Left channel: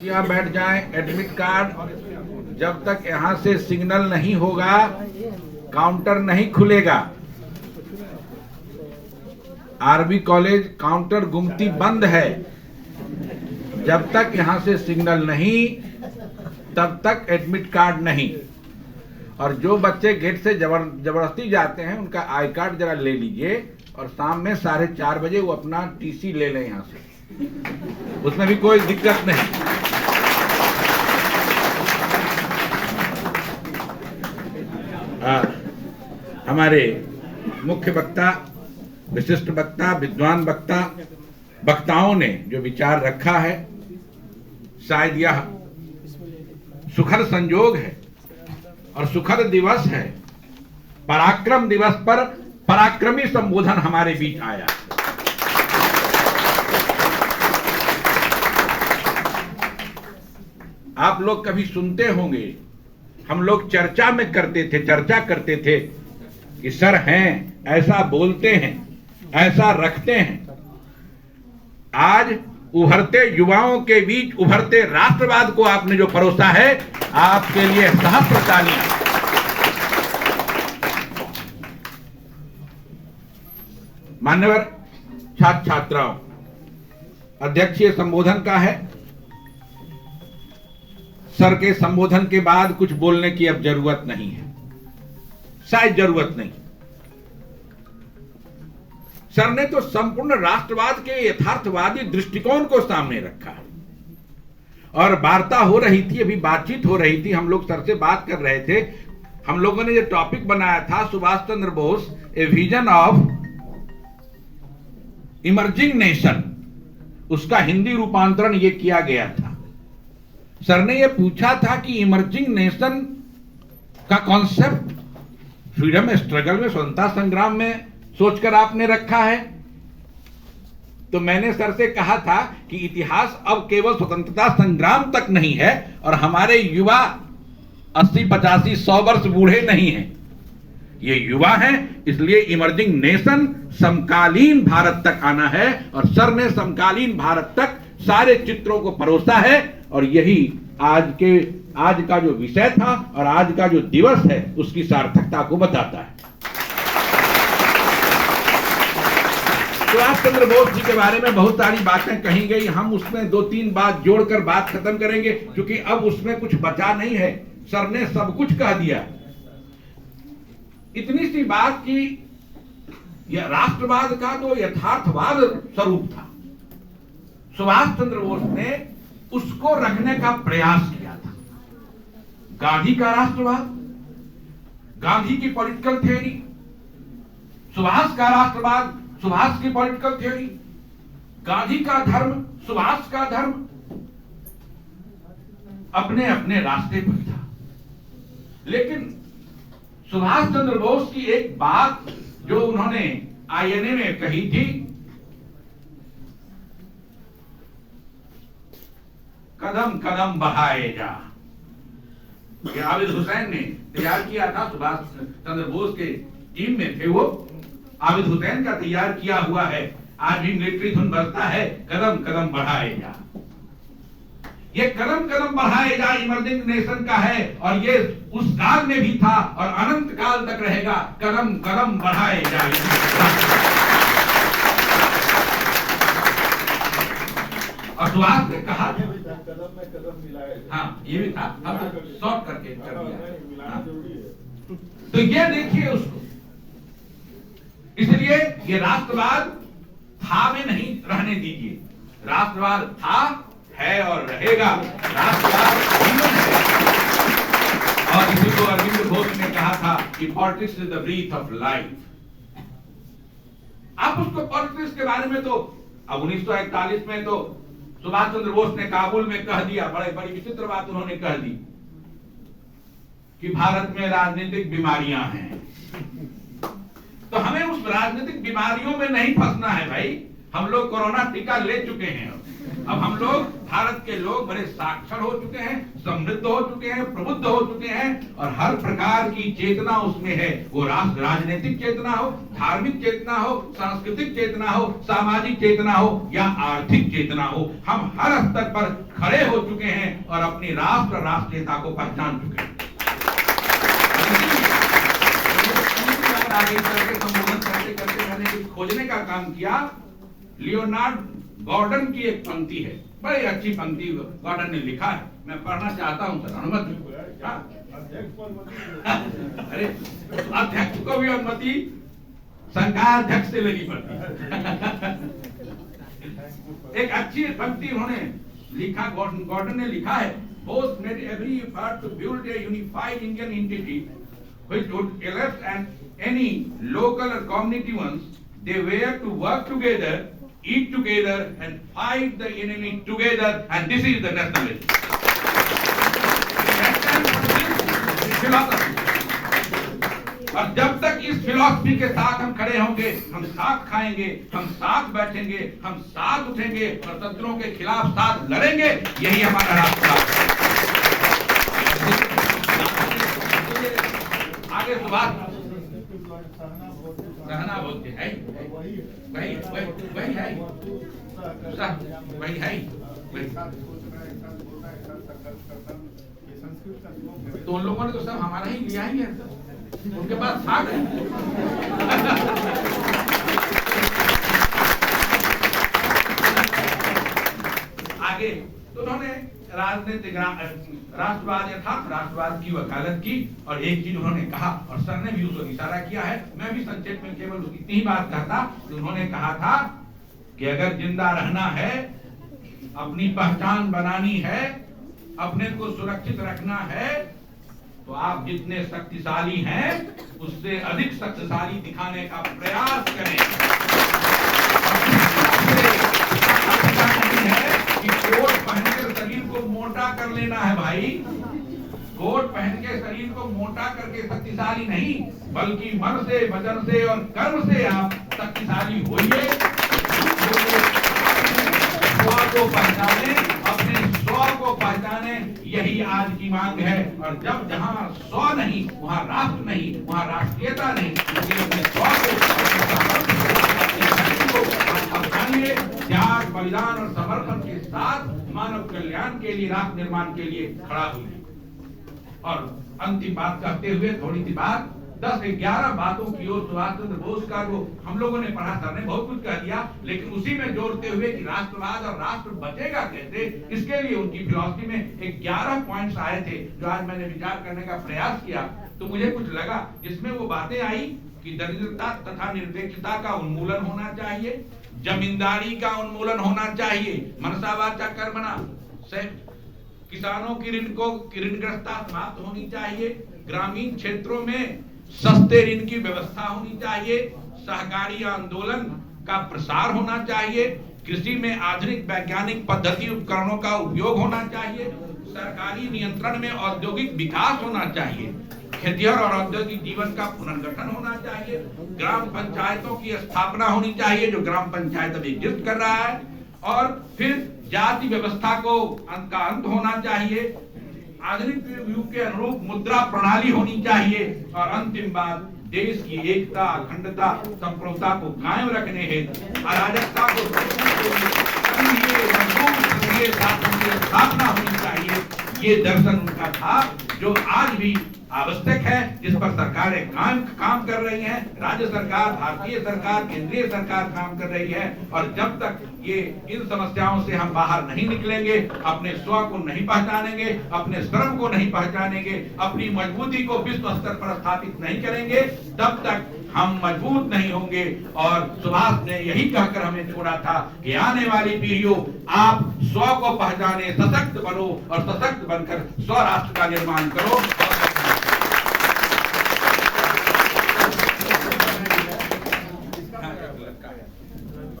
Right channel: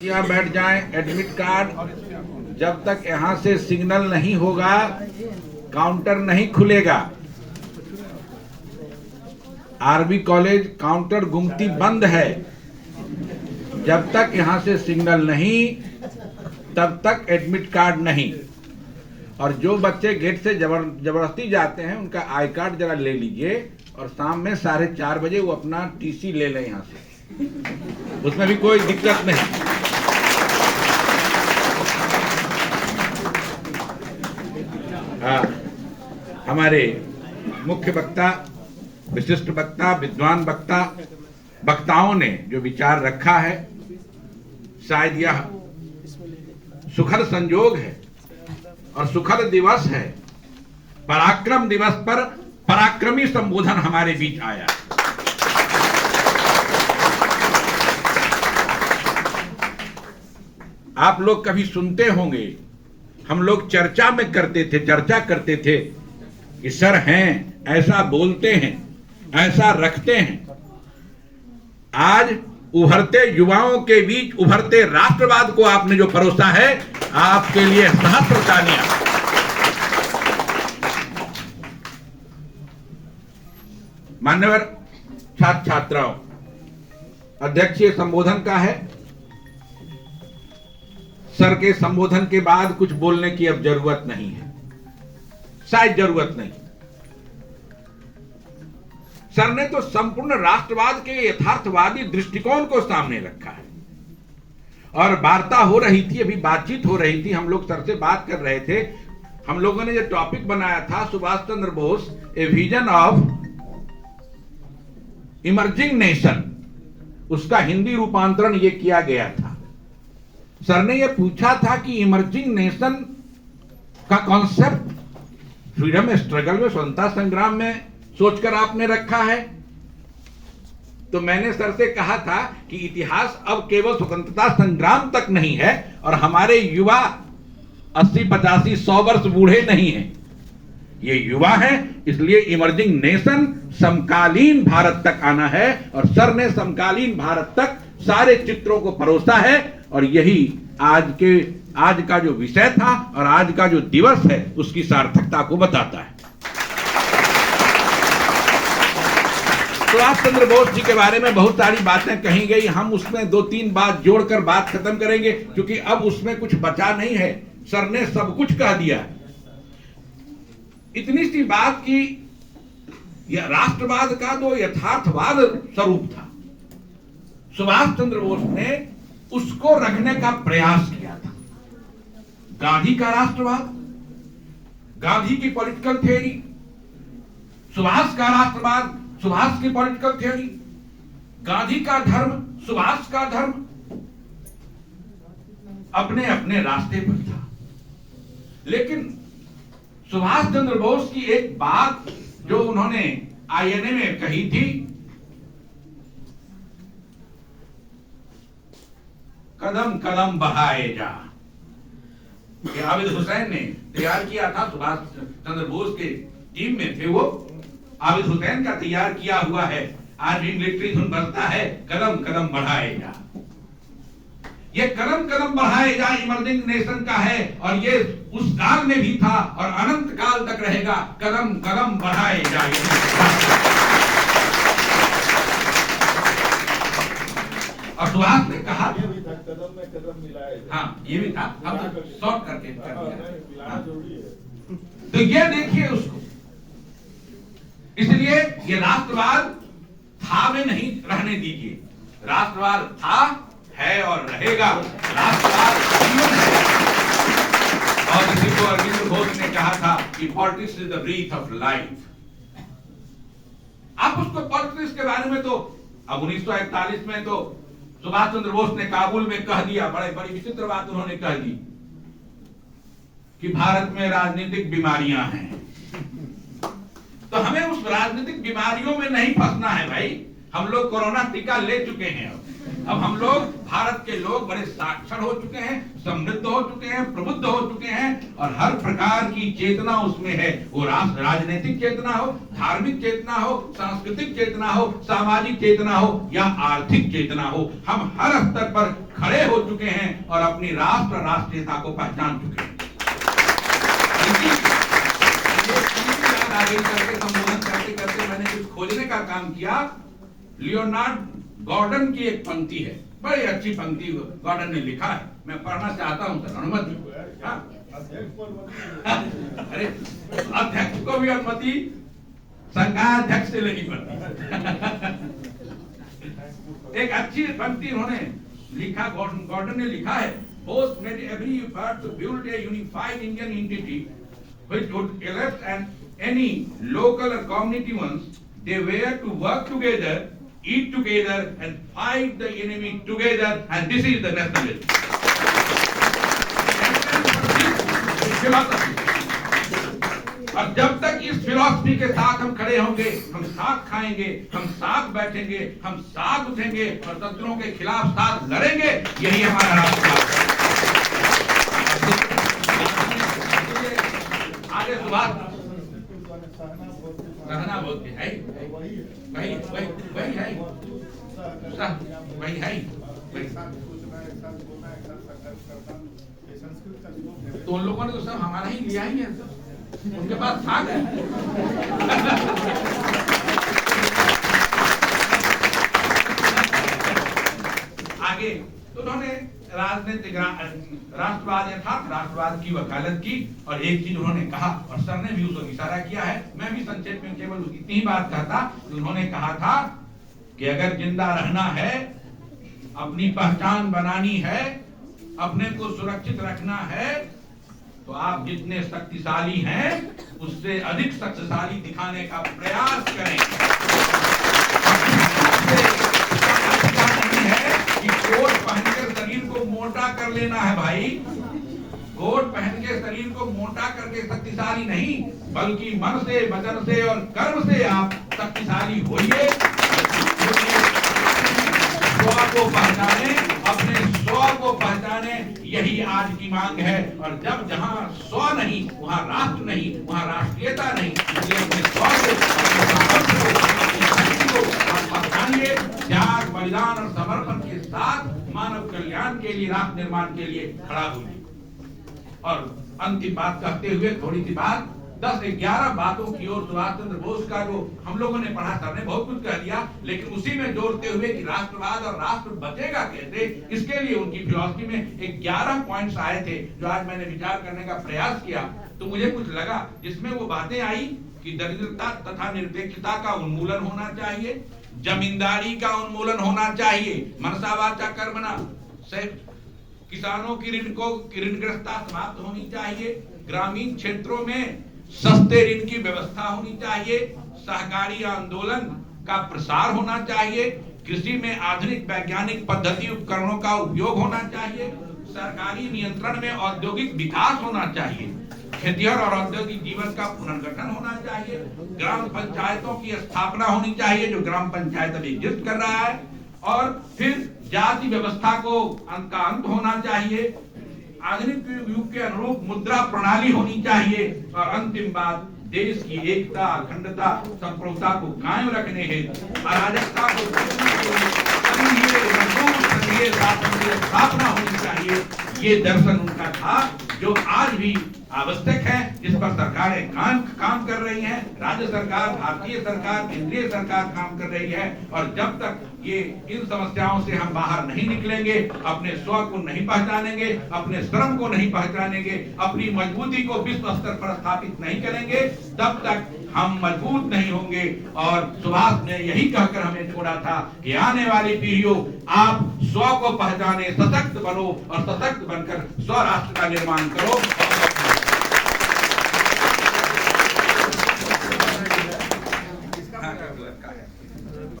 यहाँ बैठ जाएं। एडमिट कार्ड जब तक यहाँ से सिग्नल नहीं होगा काउंटर नहीं खुलेगा। आरबी कॉलेज काउंटर गुमती बंद है। जब तक यहाँ से सिग्नल नहीं तब तक एडमिट कार्ड नहीं। और जो बच्चे गेट से जबरदस्ती जाते हैं उनका आई कार्ड जरा ले लीजिए और शाम में 4:30 बजे वो अपना टीसी ले लें यहाँ से, उसमें भी कोई दिक्कत नहीं। हमारे मुख्य वक्ता, विशिष्ट वक्ता, विद्वान वक्ता, वक्ताओं ने जो विचार रखा है, शायद यह सुखद संयोग है और सुखद दिवस है। पराक्रम दिवस पर पराक्रमी संबोधन हमारे बीच आया। आप लोग कभी सुनते होंगे, हम लोग चर्चा करते थे कि सर हैं, ऐसा बोलते हैं, ऐसा रखते हैं। आज उभरते युवाओं के बीच उभरते राष्ट्रवाद को आपने जो परोसा है, आपके लिए सहस्त्र तालियां। मान्यवर छात्र छात्राओं, अध्यक्षीय संबोधन का है। सर के संबोधन के बाद कुछ बोलने की अब जरूरत नहीं है, शायद जरूरत नहीं। सर ने तो संपूर्ण राष्ट्रवाद के यथार्थवादी दृष्टिकोण को सामने रखा है। और वार्ता हो रही थी, अभी बातचीत हो रही थी, हम लोग सर से बात कर रहे थे। हम लोगों ने जो टॉपिक बनाया था, Subhash Chandra Bose a vision of emerging nation, उसका हिंदी रूपांतरण ये किया गया था। सर ने ये पूछा था कि इमर्जिंग नेशन का कॉन्सेप्ट फ्रीडम स्ट्रगल में, स्वतंत्रता संग्राम में सोचकर आपने रखा है। तो मैंने सर से कहा था कि इतिहास अब केवल स्वतंत्रता संग्राम तक नहीं है और हमारे युवा 80, 85, 100 वर्ष बूढ़े नहीं हैं, ये युवा हैं। इसलिए इमर्जिंग नेशन समकालीन भारत तक आना है और सर ने समकालीन भारत तक सारे चित्रों को परोसा है। और यही आज का जो विषय था और आज का जो दिवस है, उसकी सार्थकता को बताता है। सुभाष चंद्र बोस जी के बारे में बहुत सारी बातें कही गई, हम उसमें 2-3 बात जोड़कर बात खत्म करेंगे, क्योंकि अब उसमें कुछ बचा नहीं है। सर ने सब कुछ कह दिया। इतनी सी बात कि यह राष्ट्रवाद का जो यथार्थवाद स्वरूप था, सुभाष चंद्र बोस ने उसको रखने का प्रयास किया था। गांधी का राष्ट्रवाद, गांधी की पॉलिटिकल थ्योरी, सुभाष का राष्ट्रवाद, सुभाष की पॉलिटिकल थ्योरी, गांधी का धर्म, सुभाष का धर्म, अपने अपने रास्ते पर था। लेकिन सुभाष चंद्र बोस की एक बात जो उन्होंने आईएनए में कही थी, कदम कदम बढ़ाए जा। आबिद हुसैन ने तैयार किया था, सुभाष चंद्र बोस के टीम में थे वो। आबिद हुसैन का तैयार किया हुआ है, आज भी मिलिट्री धुन बजता है, कदम कदम बढ़ाए जा। ये कदम कदम बढ़ाए जा इमर्जिंग नेशन का है और ये उस काल में भी था और अनंत काल तक रहेगा। कदम कदम बढ़ाए जा। और सुभाष ने कहा कदम में कदम मिलाए। हाँ, ये भी था, अब शॉर्ट करके कर दिया। हाँ। तो ये देखिए उसको। इसलिए ये राष्ट्रवाद था में नहीं रहने दीजिए। राष्ट्रवाद था, है और रहेगा। राष्ट्रवाद जीवन है। और इसी को अरविंद घोष ने कहा था कि politics is the breath of life. आप उसको पॉलिटिक्स के बारे में तो अब 1941 में तो सुभाष चंद्र बोस ने काबुल में कह दिया, बड़ी विचित्र बात उन्होंने कह दी कि भारत में राजनीतिक बीमारियां हैं। तो हमें उस राजनीतिक बीमारियों में नहीं फंसना है भाई। हम लोग कोरोना टीका ले चुके हैं। अब हम लोग, भारत के लोग बड़े साक्षर हो चुके हैं, समृद्ध हो चुके हैं, प्रबुद्ध हो चुके हैं और हर प्रकार की चेतना उसमें है। वो राजनीतिक चेतना हो, धार्मिक चेतना हो, सांस्कृतिक चेतना हो, सामाजिक चेतना हो या आर्थिक चेतना हो, हम हर स्तर पर खड़े हो चुके हैं और अपनी राष्ट्रीयता को पहचान चुके हैं। आगे करके संबोधन करते करते मैंने कुछ खोजने का काम किया। लियोनार्ड गॉर्डन की एक पंक्ति है, बड़ी अच्छी पंक्ति गॉर्डन ने लिखा है, मैं पढ़ना चाहता हूं सर, अनुमति? अरे अध्यक्ष को भी अनुमति संघाध्यक्ष से लेनी पड़ती। एक अच्छी पंक्ति उन्होंने लिखा, गॉर्डन ने लिखा है, both made every effort to build a unified Indian entity which would elect and any local or community ones. They were to work together, eat together and fight the enemy together, and this is the nationalism. और जब तक इस philosophy के साथ हम खड़े होंगे, हम साथ खाएंगे, हम साथ बैठेंगे, हम साथ उठेंगे और शत्रुओं के खिलाफ साथ लड़ेंगे, यही हमारा रास्ता है। आगे सुभाष रहना बहुत है, वही तो उन लोगों ने तो सब हमारा ही लिया ही है सर, उनके पास था है। आगे तो उन्होंने राजनीतिक राष्ट्रवाद यथार्थ राष्ट्रवाद की वकालत की और एक चीज उन्होंने कहा और सर ने भी उसको इशारा किया है, मैं भी संक्षेप में केवल उसकी इतनी बात कहता। उन्होंने कहा था कि अगर जिंदा रहना है, अपनी पहचान बनानी है, अपने को सुरक्षित रखना है, तो आप जितने शक्तिशाली हैं उससे अधिक शक्तिशाली दिखाने का प्रयास करें। कि कोट पहनकर शरीर को मोटा कर लेना है भाई, कोट पहन के शरीर को मोटा करके शक्तिशाली नहीं, बल्कि मन से, वचन से और कर्म से आप शक्तिशाली होइए। स्व को पहचाने, अपने स्व को पहचाने, यही आज की मांग है। और जब जहां स्व नहीं वहां राष्ट्र नहीं, वहां राष्ट्रीयता नहीं, इसलिए अपने स्व को पहचानिए, त्याग, बलिदान और समर्पण के साथ मानव कल्याण के लिए, राष्ट्र निर्माण के लिए खड़ा हुई। और अंतिम बात कहते हुए थोड़ी सी बात, 10-11 बातों की ओर सुभाष चंद्र बोस का जो हम लोगों ने पढ़ा, सर ने बहुत कुछ कह दिया, लेकिन उसी में जोड़ते हुए कि राष्ट्रवाद और राष्ट्र बचेगा कैसे, इसके लिए उनकी फिलॉसफी में 11 पॉइंट्स आए थे जो आज मैंने विचार करने का प्रयास किया। तो मुझे कुछ लगा जिसमें वो बातें आई कि दरिद्रता तथा निरपेक्षता का उन्मूलन होना चाहिए, जमींदारी का उन्मूलन होना चाहिए, मनसा वाचा कर्मणा, किसानों की ऋणग्रस्तता समाप्त होनी चाहिए, ग्रामीण क्षेत्रों में सस्ते ऋण की व्यवस्था होनी चाहिए, सहकारी आंदोलन का प्रसार होना चाहिए, कृषि में आधुनिक वैज्ञानिक पद्धति उपकरणों का उपयोग होना चाहिए, सरकारी नियंत्रण में औद्योगिक विकास होना चाहिए, खेतिहर और औद्योगिक जीवन का पुनर्गठन होना चाहिए, ग्राम पंचायतों की स्थापना होनी चाहिए जो ग्राम पंचायत अभी एग्जिस्ट कर रहा है, और फिर जाति व्यवस्था को का अंत होना चाहिए, आधुनिक युग के अनुरूप मुद्रा प्रणाली होनी चाहिए, और अंतिम बात देश की एकता, अखंडता, संप्रभुता को कायम रखने हेतु अराजकता को शासन की स्थापना होनी चाहिए। ये दर्शन उनका था जो आज भी आवश्यक है, जिस पर सरकारें काम कर रही हैं, राज्य सरकार, भारतीय सरकार, केंद्रीय सरकार काम कर रही है। और जब तक ये इन समस्याओं से हम बाहर नहीं निकलेंगे, अपने स्व को नहीं पहचानेंगे, अपने श्रम को नहीं पहचानेंगे, अपनी मजबूती को विश्व स्तर पर स्थापित नहीं करेंगे, तब तक हम मजबूत नहीं होंगे। और सुभाष ने यही कहकर हमें छोड़ा था कि आने वाली पीढ़ियों, आप स्व को पहचाने, सशक्त बनो और सशक्त बनकर स्व राष्ट्र का निर्माण करो।